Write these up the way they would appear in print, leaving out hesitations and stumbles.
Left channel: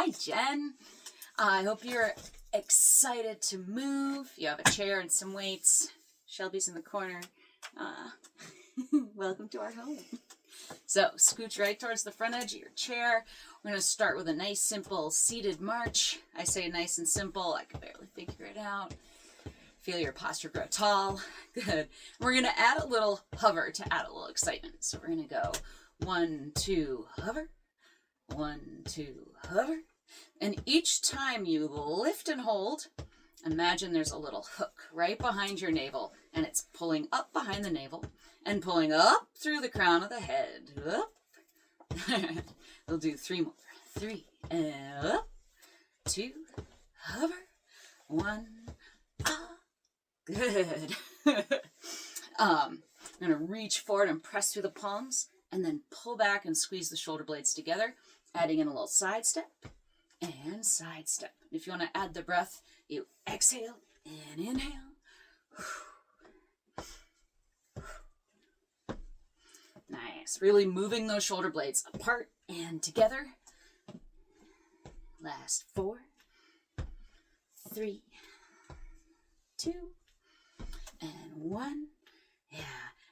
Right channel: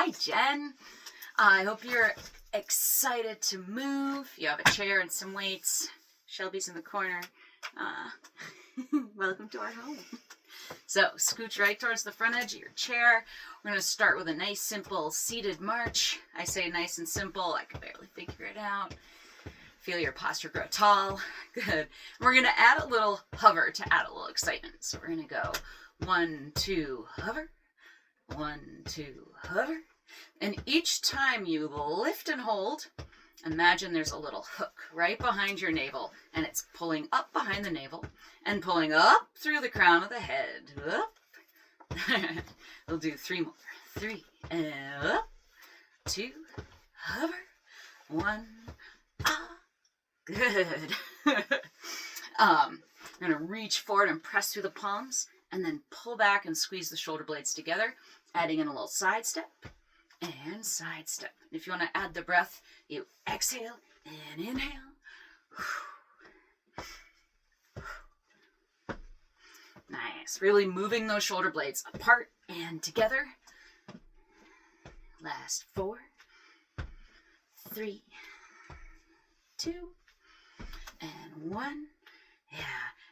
Hi, Jen. I hope you're excited to move. You have a chair and some weights. Shelby's in the corner. Welcome to our home. So scooch right towards the front edge of your chair. We're going to start with a nice, simple seated march. I say nice and simple. I can barely figure it out. Feel your posture grow tall. Good. We're going to add a little hover to add a little excitement. So we're going to go 1, 2, hover. 1, 2, hover. And each time you lift and hold, imagine there's a little hook right behind your navel, and it's pulling up behind the navel and pulling up through the crown of the head. Up. We'll do 3 more. 3, and up. 2, hover. 1, ah. Good. I'm going to reach forward and press through the palms, and then pull back and squeeze the shoulder blades together, adding in a little side step and side step. If you want to add the breath, you exhale and inhale. Nice. Really moving those shoulder blades apart and together. Last 4, 3, 2, and 1. Yeah.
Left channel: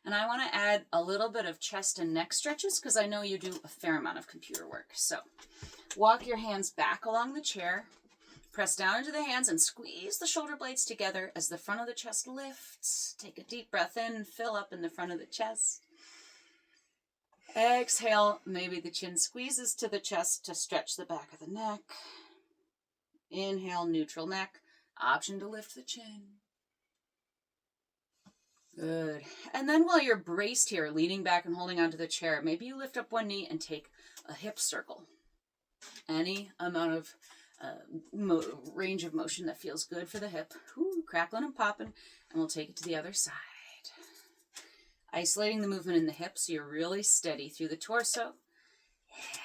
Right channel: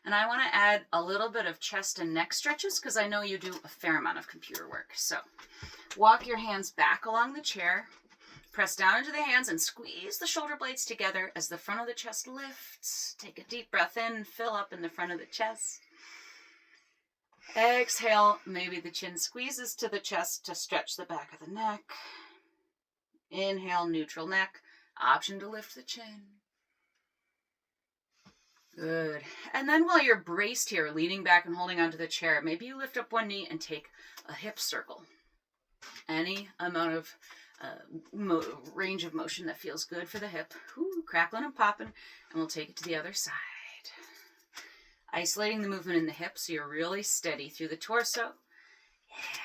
And I want to add a little bit of chest and neck stretches because I know you do a fair amount of computer work. So walk your hands back along the chair. Press down into the hands and squeeze the shoulder blades together as the front of the chest lifts. Take a deep breath in, fill up in the front of the chest. Exhale, maybe the chin squeezes to the chest to stretch the back of the neck. Inhale, neutral neck. Option to lift the chin. Good. And then while you're braced here, leaning back and holding onto the chair, maybe you lift up one knee and take a hip circle. Any amount of range of motion that feels good for the hip. Ooh, crackling and popping. And we'll take it to the other side. Isolating the movement in the hips so you're really steady through the torso. Yeah.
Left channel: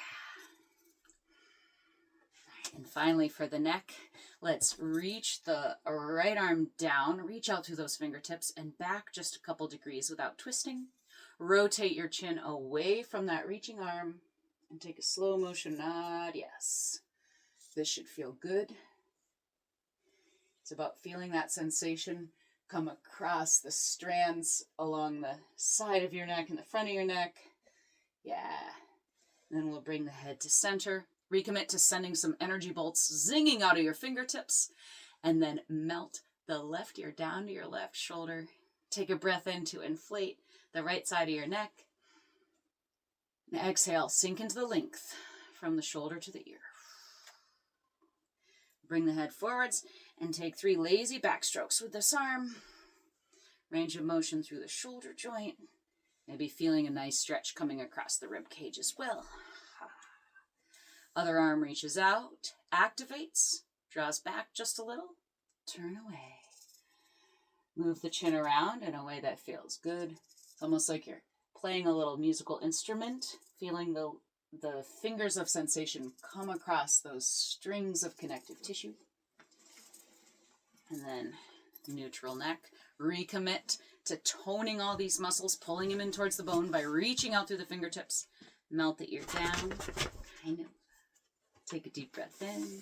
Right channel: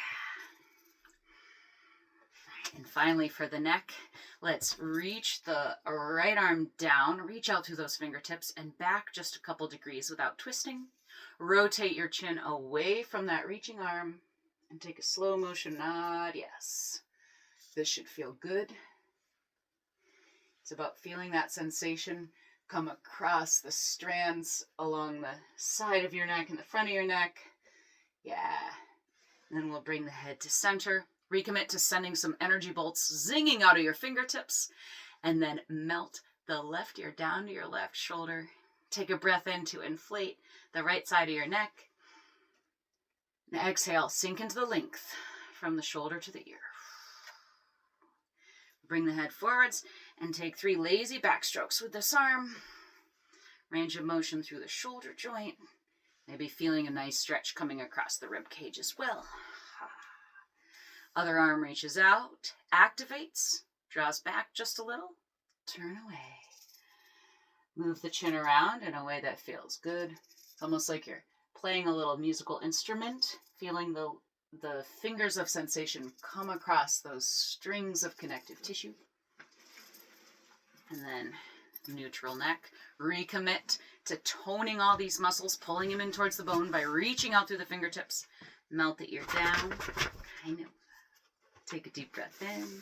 And finally for the neck, let's reach the right arm down, reach out through those fingertips and back just a couple degrees without twisting. Rotate your chin away from that reaching arm and take a slow motion nod. Yes. This should feel good. It's about feeling that sensation come across the strands along the side of your neck and the front of your neck. Yeah. And then we'll bring the head to center. Recommit to sending some energy bolts zinging out of your fingertips. And then melt the left ear down to your left shoulder. Take a breath in to inflate the right side of your neck. And exhale, sink into the length from the shoulder to the ear. Bring the head forwards and take 3 lazy back strokes with this arm. Range of motion through the shoulder joint. Maybe feeling a nice stretch coming across the rib cage as well. Other arm reaches out, activates, draws back just a little, turn away. Move the chin around in a way that feels good. It's almost like you're playing a little musical instrument, feeling the fingers of sensation come across those strings of connective tissue. And then neutral neck. Recommit to toning all these muscles, pulling them in towards the bone by reaching out through the fingertips. Melt the ear down. Kind of. Take a deep breath in.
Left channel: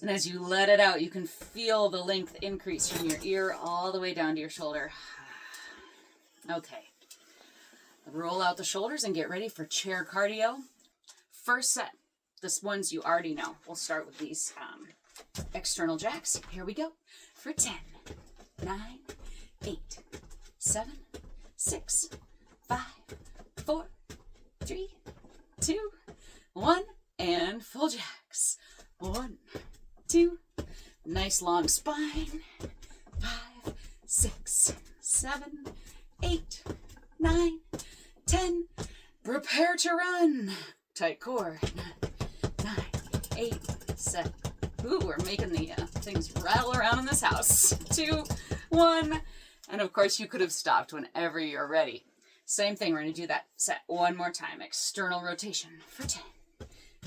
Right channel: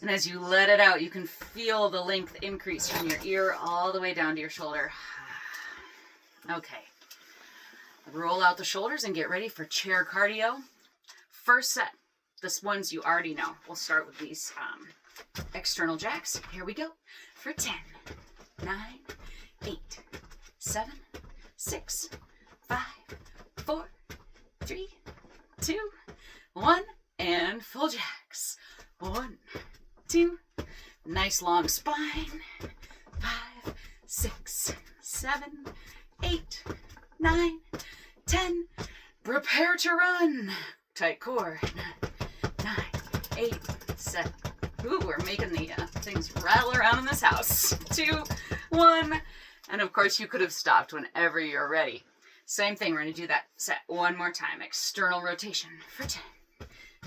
And as you let it out, you can feel the length increase from your ear all the way down to your shoulder. Okay. Roll out the shoulders and get ready for chair cardio. First set. This one's you already know. We'll start with these external jacks. Here we go. For 10, 9, 8, 7, 6, 5, 4, 3, 2, 1. And full jacks. 1, 2. Nice long spine. 5, 6, 7, 8, 9, 10. Prepare to run. Tight core. 9, 8, 7. Ooh, we're making the things rattle around in this house. 2, 1. And of course, you could have stopped whenever you're ready. Same thing. We're going to do that set one more time. External rotation for 10,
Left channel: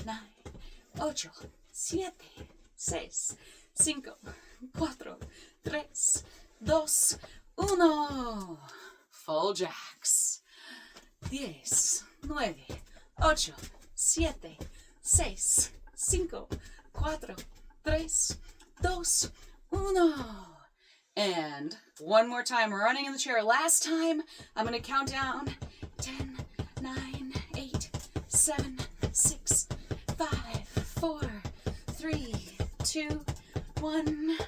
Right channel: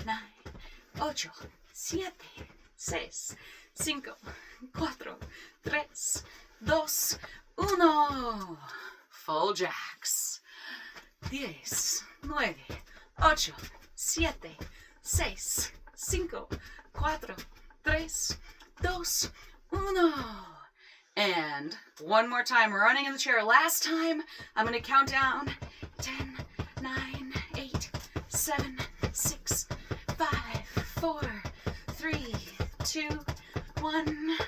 9, 8, 7, 6, 5, 4, 3, 2, 1. Full jacks. 10, 9, 8, 7, 6, cinco, cuatro, tres, dos, uno. And one more time, running in the chair. Last time, I'm going to count down 10, 9, 8, 7, 6, 5, 4, 3, 2, 1.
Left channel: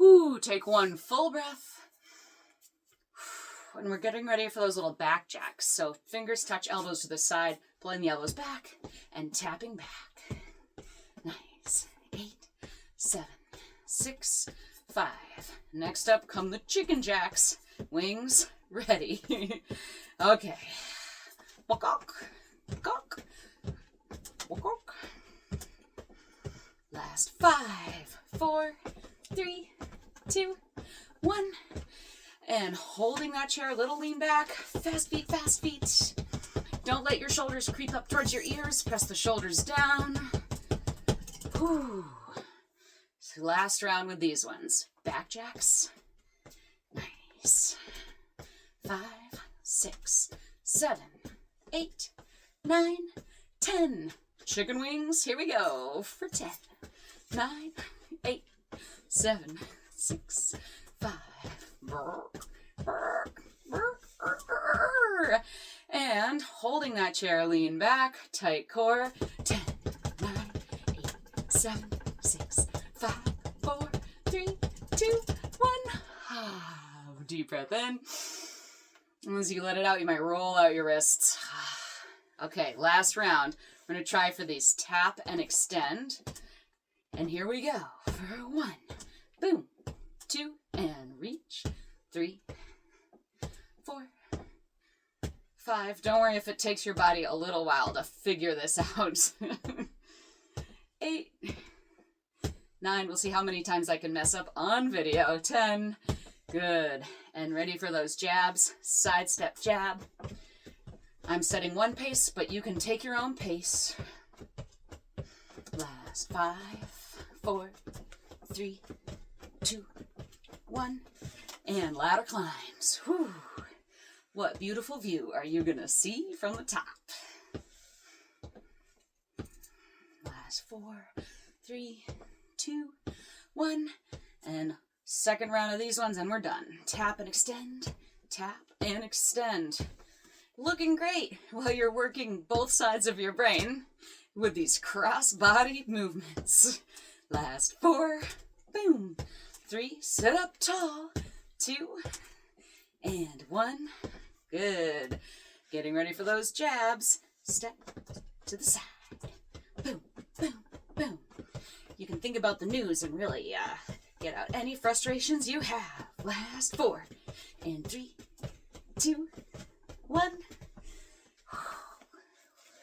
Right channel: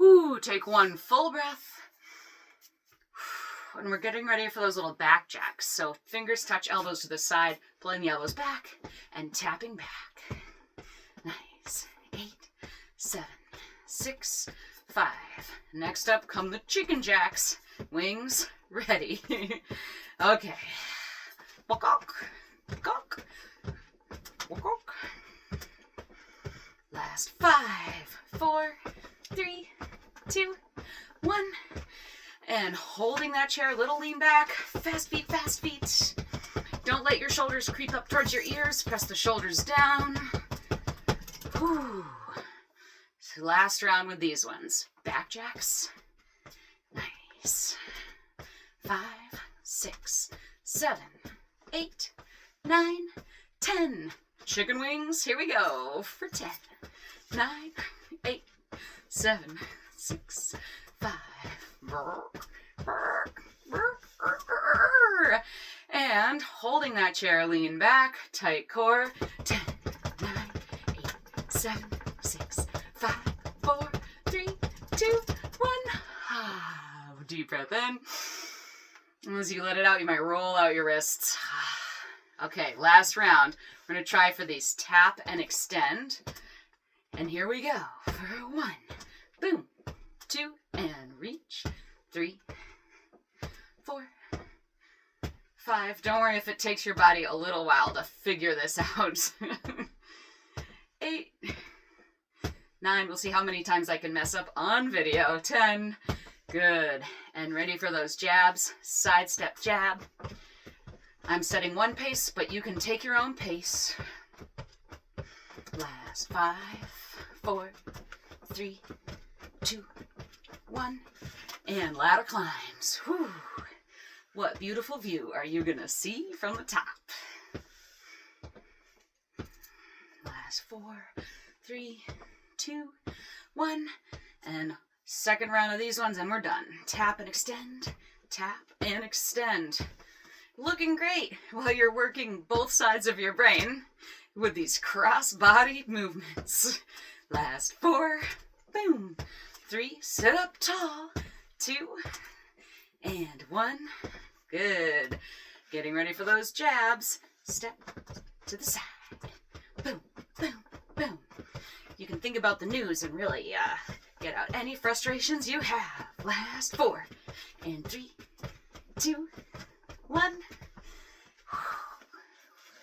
Whoo, take one full breath. And we're getting ready for those little back jacks. So fingers touch elbows to the side, pulling the elbows back and tapping back. Nice. 8, 7, 6, 5. Next up come the chicken jacks. Wings ready. Okay. Walk, walk, walk. Last 5, 4, 3, 2, 1. And holding that chair, little lean back, fast feet, fast feet. Don't let your shoulders creep up towards your ears. Press the shoulders down. Whew. So last round with these ones. Back jacks. Nice. 5, 6, 7, 8, 9, 10. Chicken wings, here we go for 10. 9, 8, 7, 6, 5. And holding that chair, lean back, tight core. 10, 9, 8, 7, 6, 5, 4, 3, 2, 1. Deep breath in. As you let it out, you might roll out your wrists. Okay, last round. We're going to try for these tap and extend. And here we go. For 1, boom, 2, and reach. 3, 4, 5. Don't worry if it takes your body a little while to figure this out. 8, 9. We'll see how many times I can mess up on video. 10. Good. And ready for those jabs. Side step jab. I'm setting one pace, but you can take your own pace. Last 5, 4, 3, 2, 1. And ladder climbs. Whew. What beautiful view are you going to see from the top? Last 4, 3, 2, 1. And second round of these ones, and we're done. Tap and extend. Tap and extend. Looking great while you're working both sides of your brain with these cross-body movements. Last 4. Boom. 3. Sit up tall. 2 and 1. Good. Getting ready for those jabs. Step to the side. Boom, boom, boom. You can think about the news and really get out any frustrations you have. Last 4 and 3, 2, 1.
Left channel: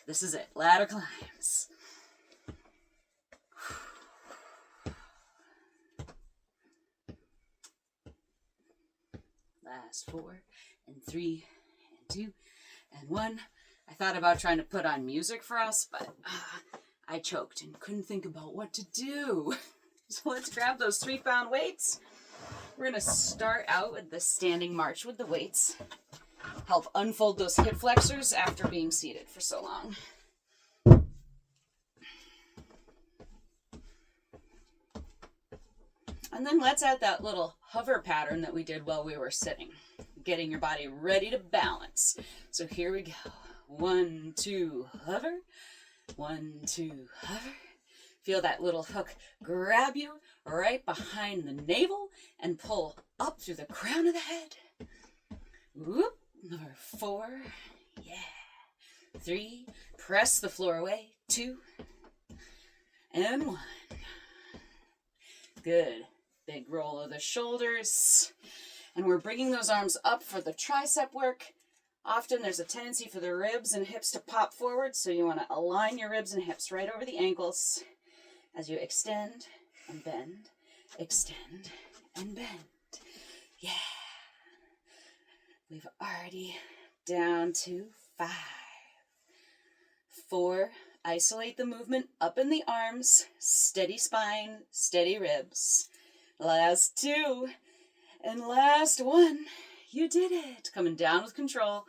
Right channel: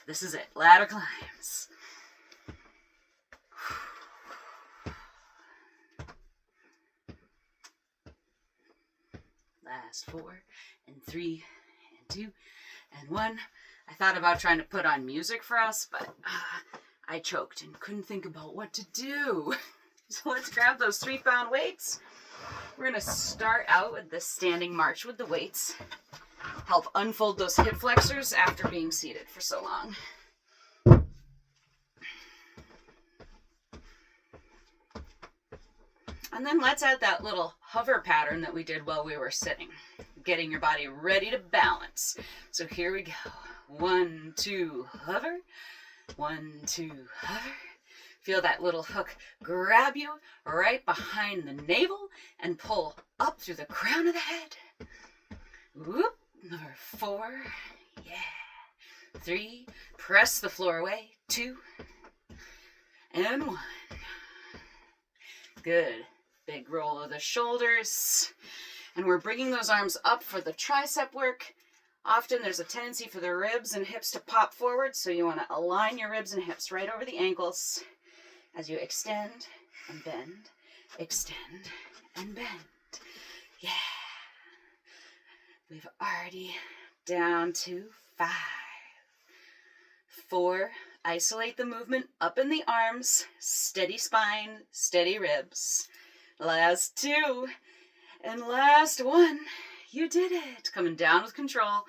This is it. Ladder climbs. Last 4 and 3 and 2 and 1. I thought about trying to put on music for us, but I choked and couldn't think about what to do. So let's grab those 3-pound weights. We're going to start out with the standing march with the weights. Help unfold those hip flexors after being seated for so long. And then let's add that little hover pattern that we did while we were sitting, getting your body ready to balance. So here we go. 1, 2, hover. 1, 2, hover. Feel that little hook grab you right behind the navel and pull up through the crown of the head. Whoop. Number 4. Yeah. 3. Press the floor away. 2 and 1. Good. Big roll of the shoulders. And we're bringing those arms up for the tricep work. Often there's a tendency for the ribs and hips to pop forward, so you want to align your ribs and hips right over the ankles as you extend and bend, extend and bend. Yeah. We've already down to 5. 4. Isolate the movement up in the arms. Steady spine, steady ribs. Last 2. And last 1. You did it. Coming down with control.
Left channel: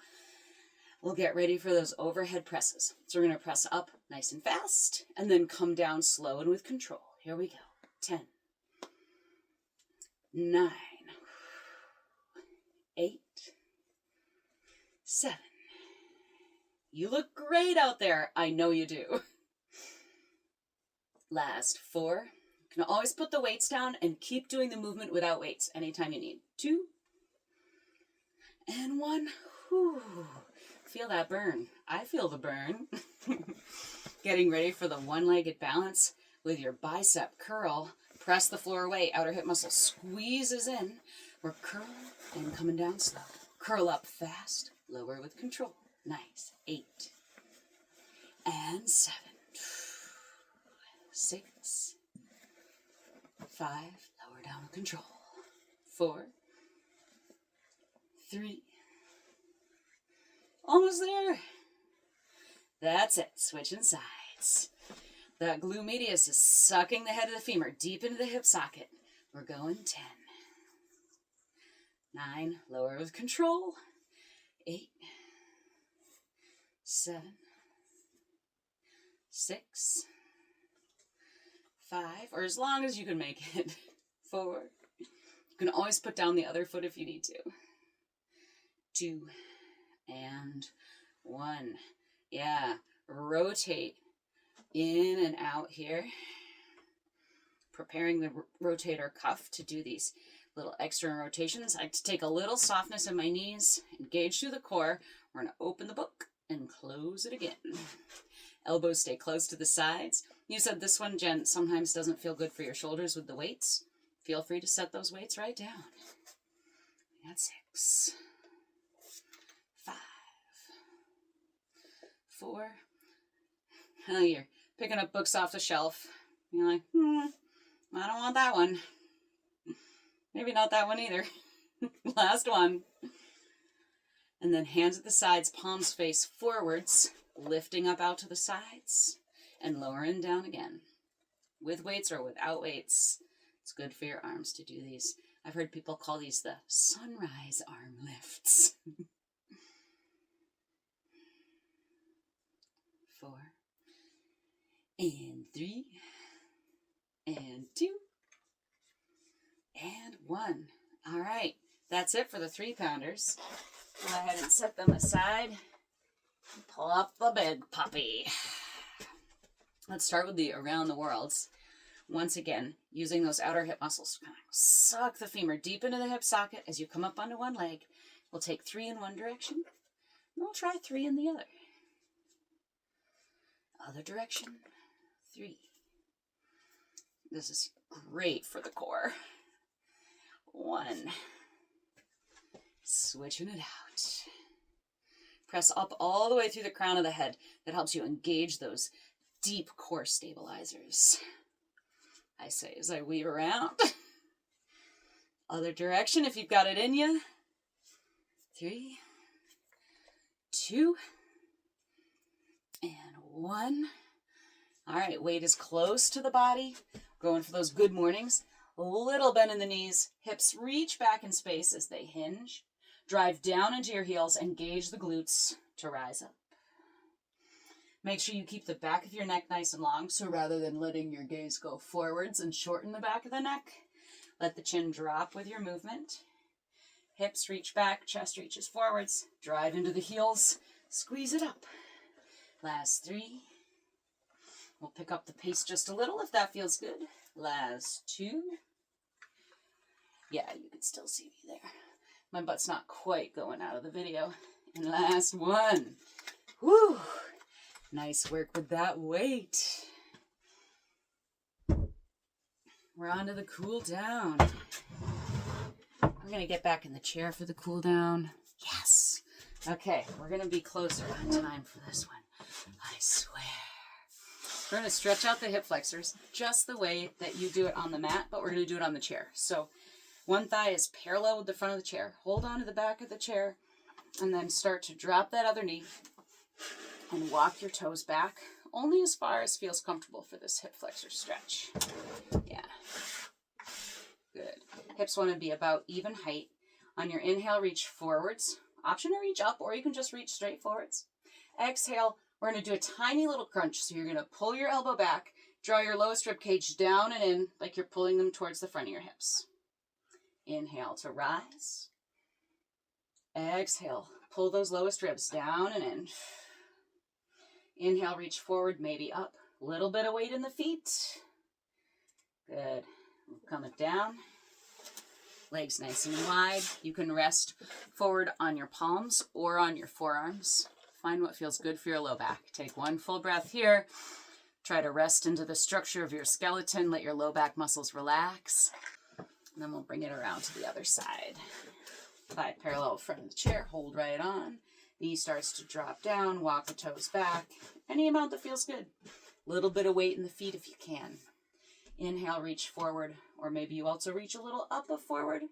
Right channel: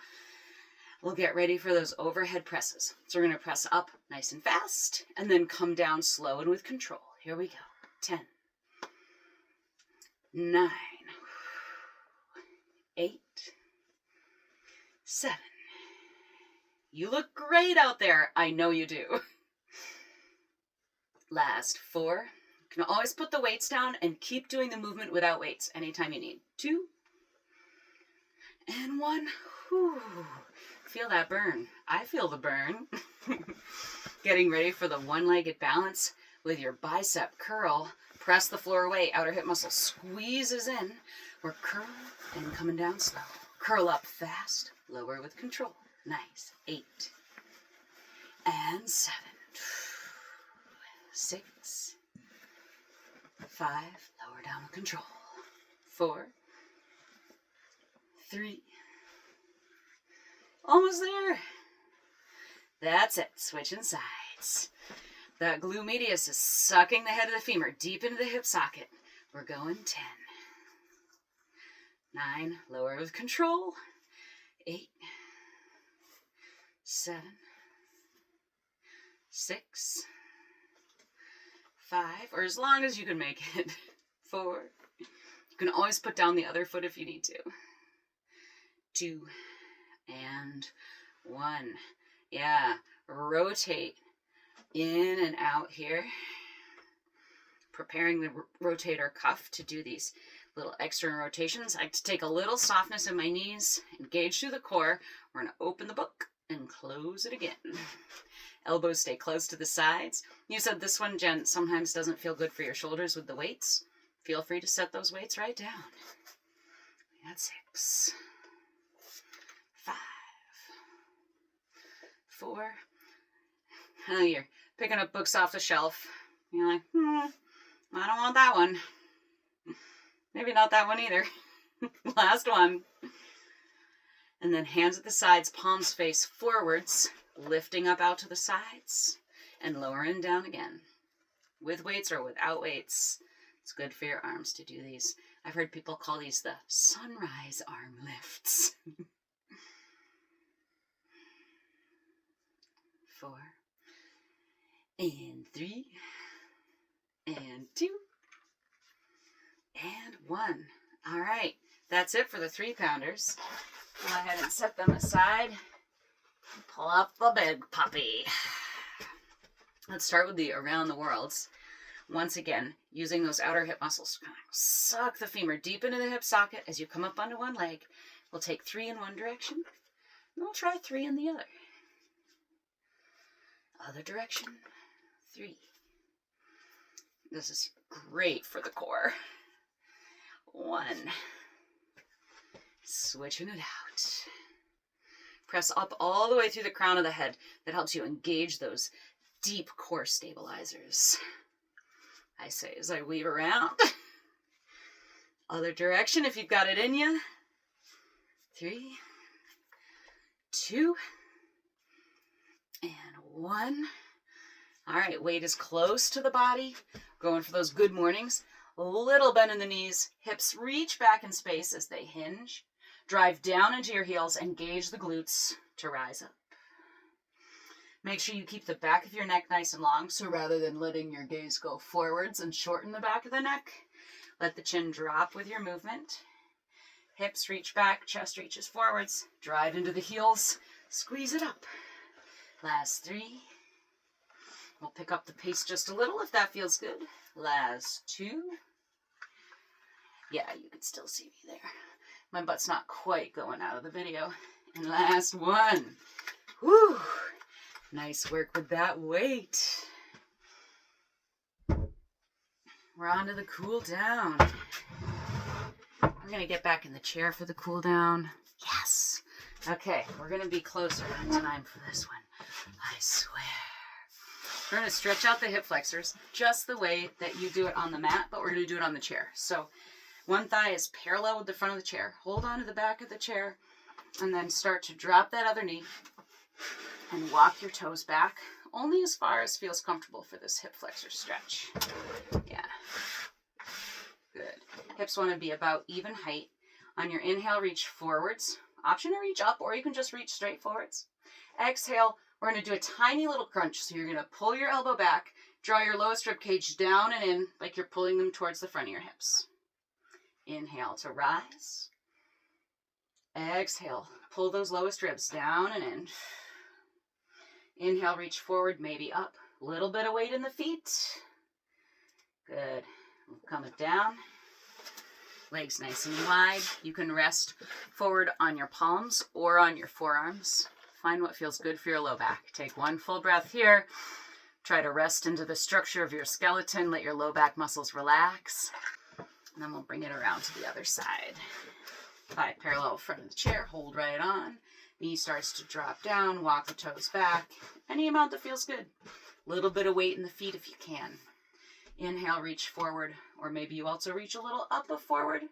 we'll get ready for those overhead presses. So we're going to press up nice and fast and then come down slow and with control. Here we go. 10, 9, 8, 7. You look great out there. I know you do. Last 4. You can always put the weights down and keep doing the movement without weights anytime you need. 2 and 1. Whew. Feel that burn. I feel the burn. Getting ready for the one-legged balance with your bicep curl. Press the floor away. Outer hip muscle squeezes in. We're curling and coming down slow. Curl up fast. Lower with control. Nice. 8 and 7. 6, 5. Lower down with control. 4, 3. Almost there. That's it. Switching sides. That glute medius is sucking the head of the femur deep into the hip socket. We're going 10. 9. Lower with control. 8, 7, 6, 5, or as long as you can make it. 4. You can always put down the other foot if you need to. 2 and 1. Yeah, rotate in and out here. Preparing the rotator cuff to do these little extra rotations. I like to take a little softness in my knees, engage through the core. We're going to open the book and close it again. Elbows stay close to the sides. You said this one, Jen, sometimes doesn't feel good for your shoulders with the weights. Feel free to set those weights right down. We got 6, 5, 4. Oh, you're picking up books off the shelf. You're like, I don't want that one. Maybe not that one either. Last one. And then hands at the sides, palms face forwards, lifting up out to the sides and lowering down again. With weights or without weights. It's good for your arms to do these. I've heard people call these the sunrise arm lifts. 4 and 3 and 2 and 1. All right, that's it for the 3-pounders. Go ahead and set them aside. Pull up the big puppy. Let's start with the around the worlds. Once again, using those outer hip muscles to kind of suck the femur deep into the hip socket as you come up onto one leg. We'll take 3 in one direction, and we'll try 3 in the other. Other direction, 3. This is great for the core. 1. Switching it out. Press up all the way through the crown of the head. That helps you engage those deep core stabilizers. I say as I weave around. Other direction if you've got it in you. 3, 2, and 1. All right, weight is close to the body. Going for those good mornings. A little bend in the knees. Hips reach back in space as they hinge. Drive down into your heels. Engage the glutes to rise up. Make sure you keep the back of your neck nice and long. So rather than letting your gaze go forwards and shorten the back of the neck, let the chin drop with your movement. Hips reach back. Chest reaches forwards. Drive into the heels. Squeeze it up. Last 3. We'll pick up the pace just a little if that feels good. Last 2. Yeah, you can still see me there. My butt's not quite going out of the video. And last 1. Whew. Nice work with that weight. We're on to the cool down. We're going to get back in the chair for the cool down. Yes. Okay, we're going to be closer on time for this one. I swear. We're going to stretch out the hip flexors just the way that you do it on the mat, but we're going to do it on the chair. So one thigh is parallel with the front of the chair. Hold on to the back of the chair and then start to drop that other knee and walk your toes back only as far as feels comfortable for this hip flexor stretch. Yeah. Good. Hips want to be about even height. On your inhale, reach forwards. Option to reach up, or you can just reach straight forwards. Exhale, we're going to do a tiny little crunch. So you're going to pull your elbow back, draw your lowest rib cage down and in like you're pulling them towards the front of your hips. Inhale to rise. Exhale, pull those lowest ribs down and in. Inhale, reach forward, maybe up. A little bit of weight in the feet. Good. Coming down. Legs nice and wide. You can rest forward on your palms or on your forearms. Find what feels good for your low back. Take one full breath here. Try to rest into the structure of your skeleton. Let your low back muscles relax. And then we'll bring it around to the other side. Thigh parallel front of the chair. Hold right on. Knee starts to drop down. Walk the toes back. Any amount that feels good. Little bit of weight in the feet if you can. Inhale, reach forward. Or maybe you also reach a little up of forward.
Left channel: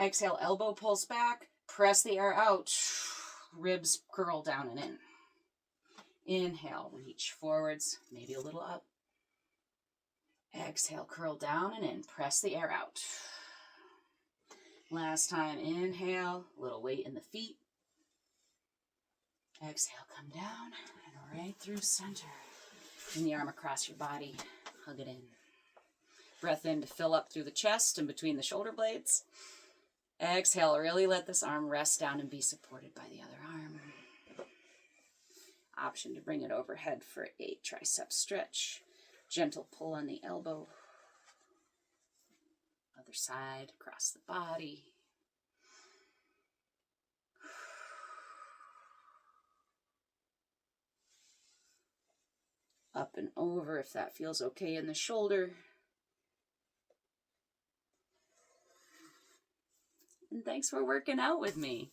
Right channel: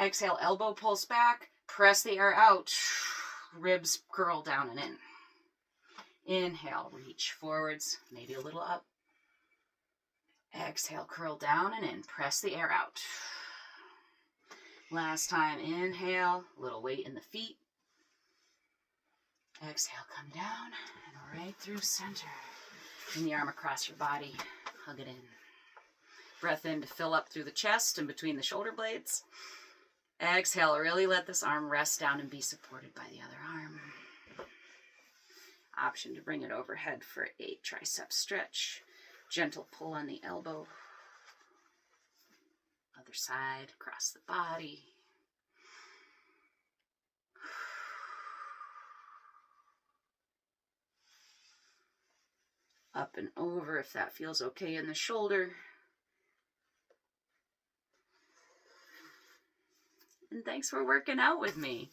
Exhale, elbow pulls back. Press the air out. Ribs curl down and in. Inhale, reach forwards. Maybe a little up. Exhale, curl down and in. Press the air out. Last time, inhale, a little weight in the feet. Exhale, come down and right through center. Bring the arm across your body. Hug it in. Breath in to fill up through the chest and between the shoulder blades. Exhale, really let this arm rest down and be supported by the other arm. Option to bring it overhead for a tricep stretch. Gentle pull on the elbow. Other side, across the body. Up and over if that feels okay in the shoulder. And thanks for working out with me.